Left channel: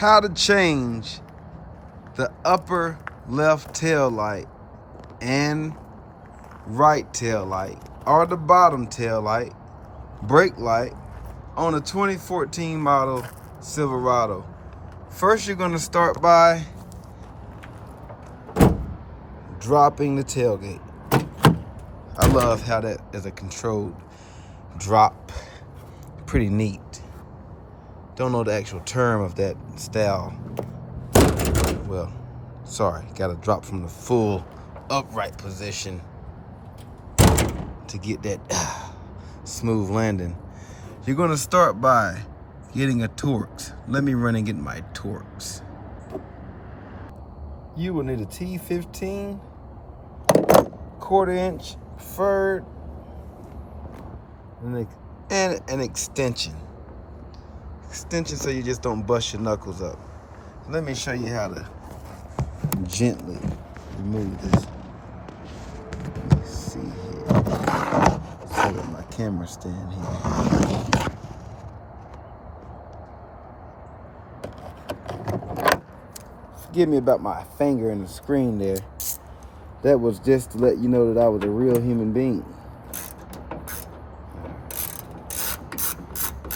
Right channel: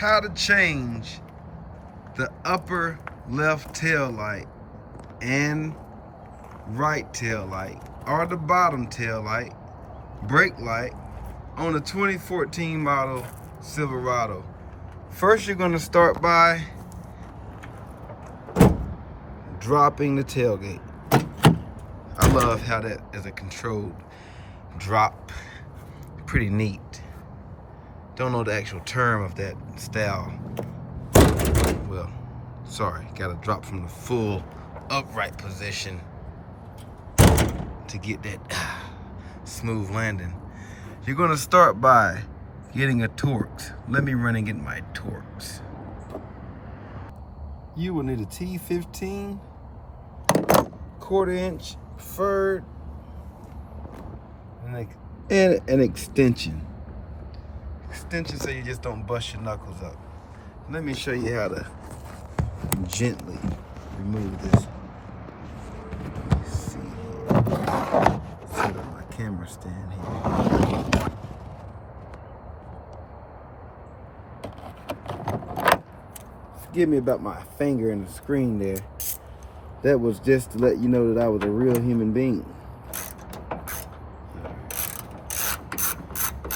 how to change the upper left tail light and right tail light, or the bottom tail light, brake light on a 2014 model Silverado. First, you're going to start by dropping the tailgate. I love how that is a controlled drop. Pretty neat. Don't know the actual term of that style. Well, sorry, gotta drop from the full upright position to get that smooth landing. You're gonna start by getting a Torx. Let me run and get my Torx. You will need a T15, 1/4 inch, preferred, and an extension. Extension so you just don't bust your knuckles up. Let me show you how to gently remove this. Let's see here. Set up my camera stand here. Forgive me about my finger in the screen there. That was just to let you know that I was a real human being.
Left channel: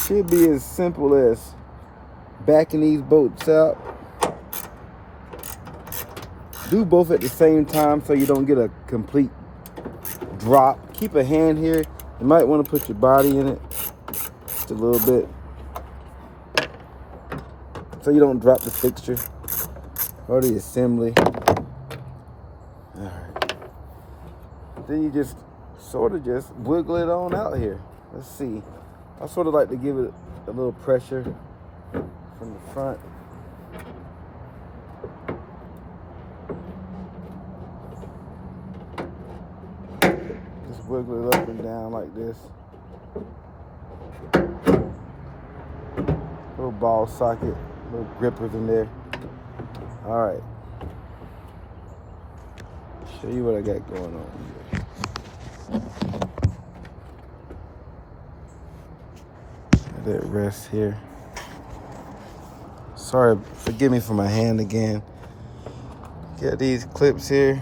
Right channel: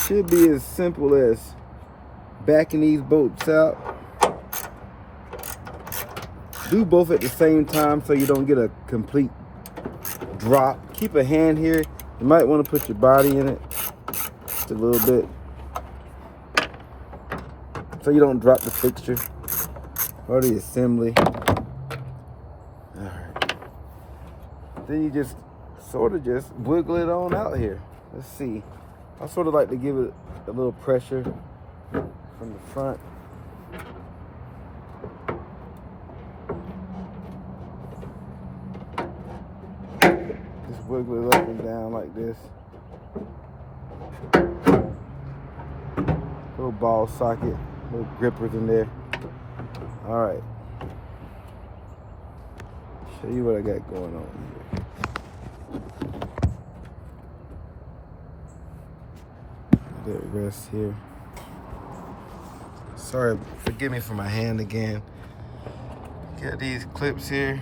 Should be as simple as backing these bolts out. Do both at the same time so you don't get a complete drop. Keep a hand here. You might want to put your body in it just a little bit so you don't drop the fixture or the assembly. Alright. Then you just sort of just wiggle it on out here. Let's see. I sort of like to give it a little pressure from the front. Just wiggle it up and down like this. Little ball socket, little grippers in there. All right. Show you what I got going on here. That rest here. Sorry, forgive me for my hand again. Got these clips here,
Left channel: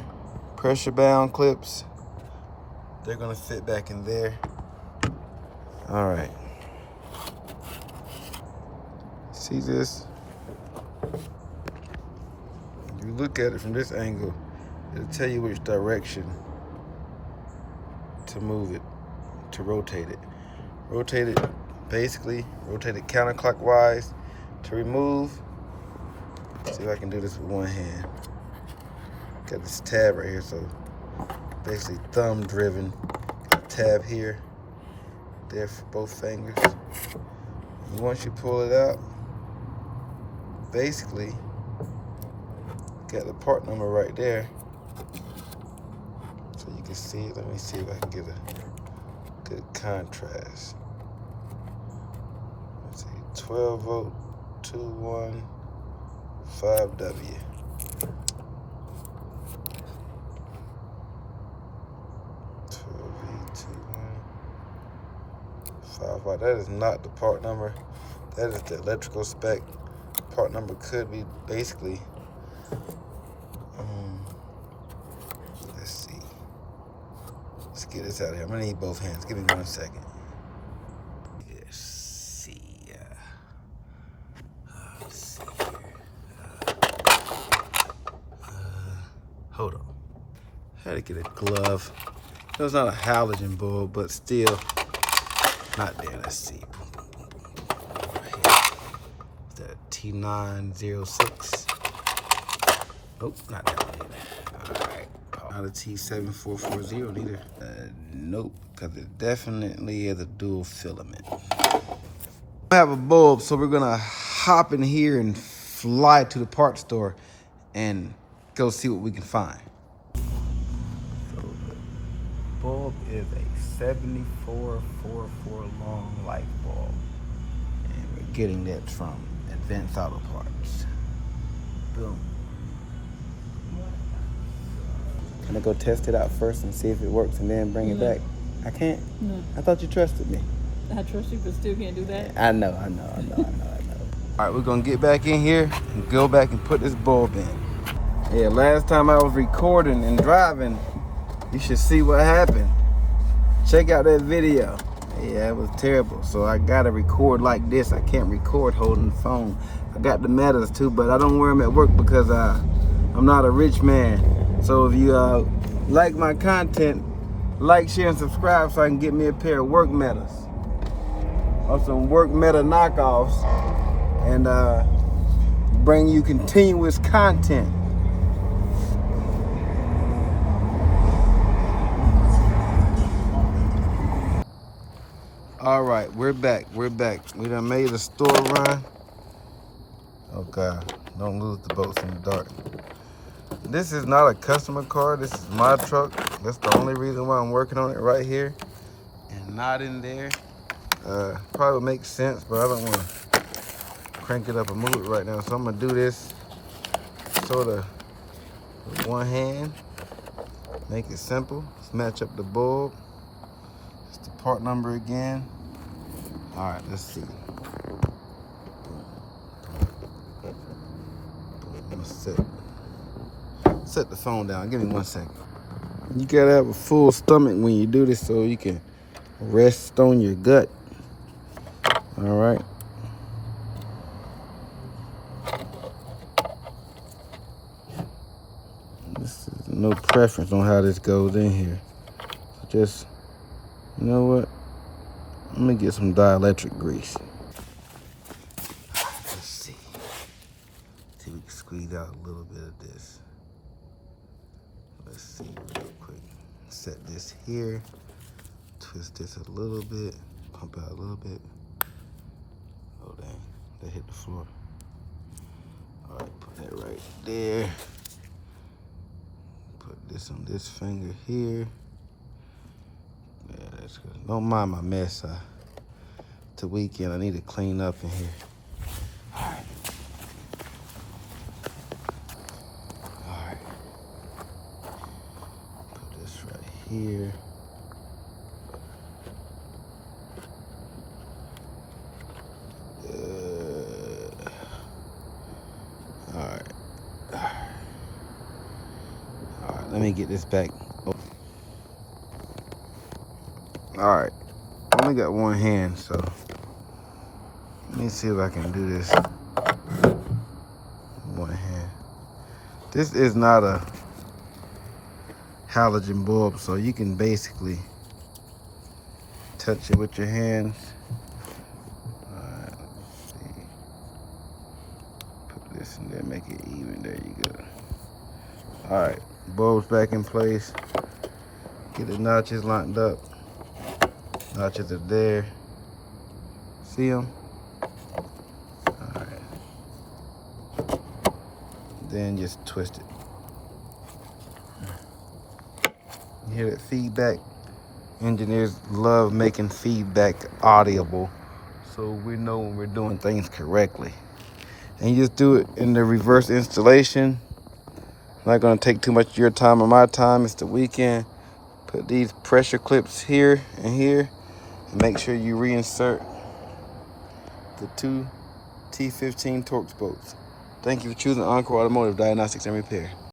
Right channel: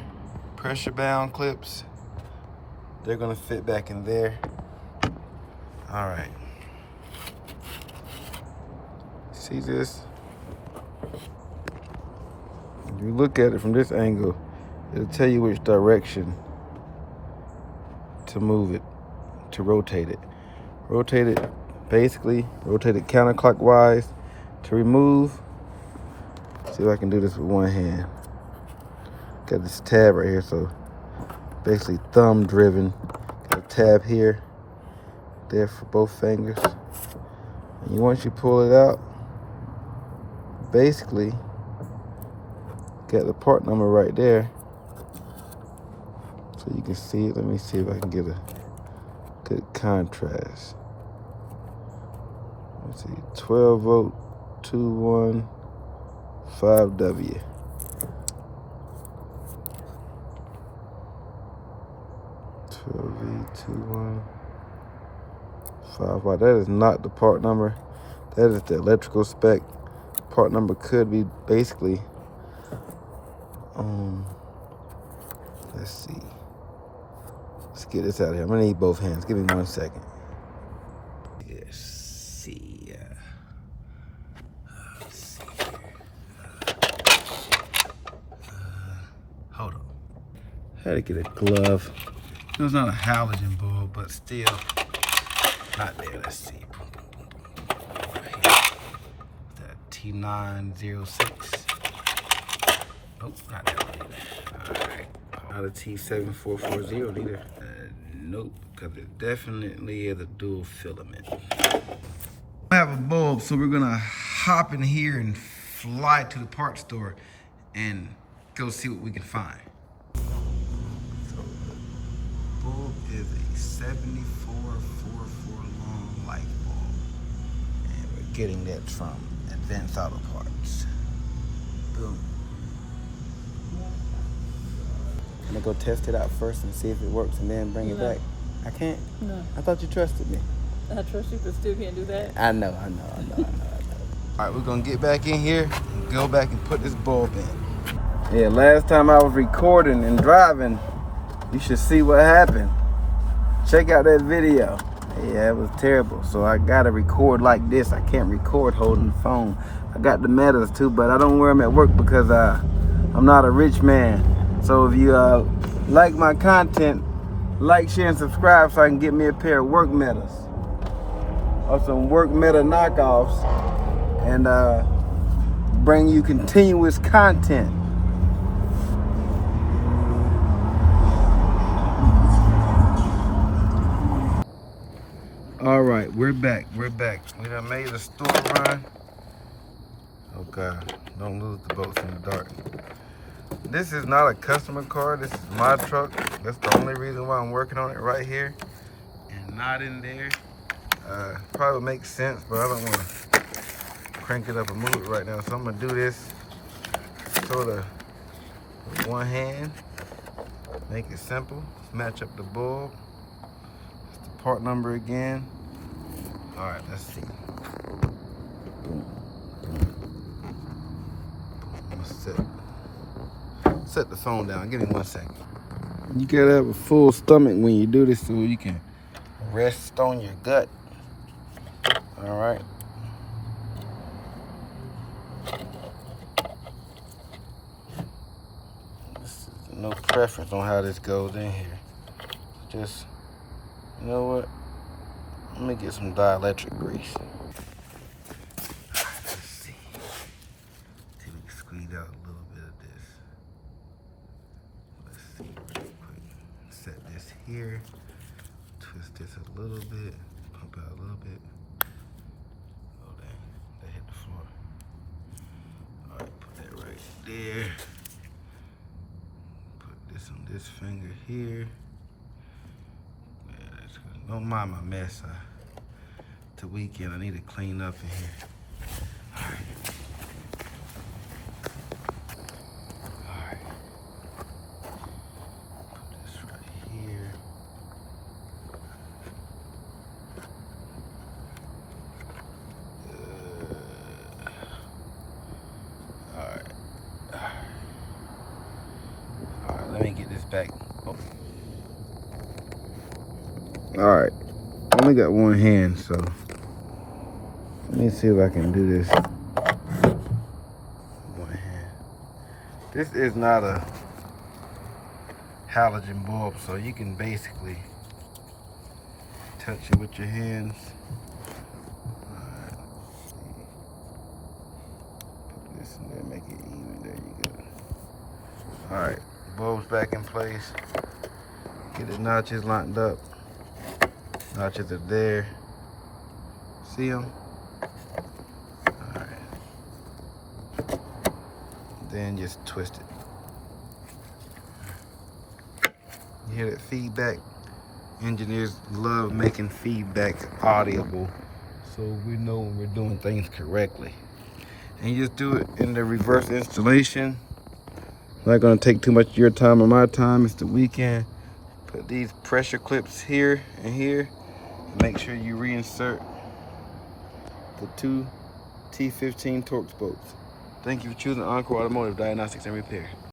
pressure bound clips. They're gonna fit back in there. All right. See this? If you look at it from this angle, it'll tell you which direction to move it, to rotate it. Rotate it. Basically, rotate it counterclockwise to remove. See if I can do this with one hand. Got this tab right here, so basically thumb driven. Got a tab here, there for both fingers. And once you pull it out, basically got the part number right there, so you can see it. Let me see if I can get a good contrast. Let's see, 12 volt 215W. 12V215. Wow, that is not the part number. That is the electrical spec. Part number could be basically, let's see. Let's get this out of here. I'm gonna need both hands. Give me 1 second. Let's see. Hold on. Had to get a glove. It was not a halogen bulb, but still not there. Let's see. Is that T906? Nope, not that one either. All right. Not a T7440 either. Nope, because it definitely is a dual filament. I have a bulb, so we're gonna hop in here and fly to the parts store and go see what we can find. So the bulb is a 7444 long light bulb, and we're getting that from Advanced Auto Parts. Boom. Can I go test it out first and see if it works and then bring it back? I can't? No. I thought you trusted me. I trust you, but still can't do that. I know. All right, we're gonna get back in here and go back and put this bulb in. Yeah, last time I was recording and driving, you should see what happened. Check out that video. Yeah, it was terrible. So I gotta record like this. I can't record holding the phone. I got the metals too, but I don't wear them at work because I'm not a rich man. So if you like my content, like, share, and subscribe so I can get me a pair of work metals or some work meta knockoffs and bring you continuous content. All right, we're back. We done made a store run. Oh God, don't lose the boats in the dark. This is not a customer car. This is my truck. That's the only reason why I'm working on it right here and not in there. Probably makes sense, but I don't want to crank it up and move it right now. So I'm gonna do this sort of with one hand. Make it simple. Let's match up the bulb. It's the part number again. All right, let's see. Boom, boom. I'm gonna set the phone down. Give me 1 second. You gotta have a full stomach when you do this so you can rest on your gut. All right. This is no preference on how this goes in here. Just, you know what? Let me get some dielectric grease. Let's see. See if we can squeeze out a little bit of this. Let's see real quick. Set this here. Twist this a little bit. Pump out a little bit. Oh dang, they hit the floor. All right, put that right there. Put this on this finger here. Yeah, that's good. Don't mind my mess. It's the weekend. I need to clean up in here. All right. All right. Put this right here. Let me get this back. All right, only got one hand, so let me see if I can do this. One hand. This is not a halogen bulb, so you can basically touch it with your hands. All right, let's see. Put this in there, make it even. There you go. All right. Bulbs back in place. Get the notches lined up. Notches are there. See them? All right. Then just twist it. You hear that feedback? Engineers love making feedback audible, so we know when we're doing things correctly. And you just do it in the reverse installation. Not gonna take too much of your time or my time. It's the weekend. Put these pressure clips here and here, and make sure you reinsert the two T15 Torx bolts. Thank you for choosing Encore Automotive Diagnostics and Repair.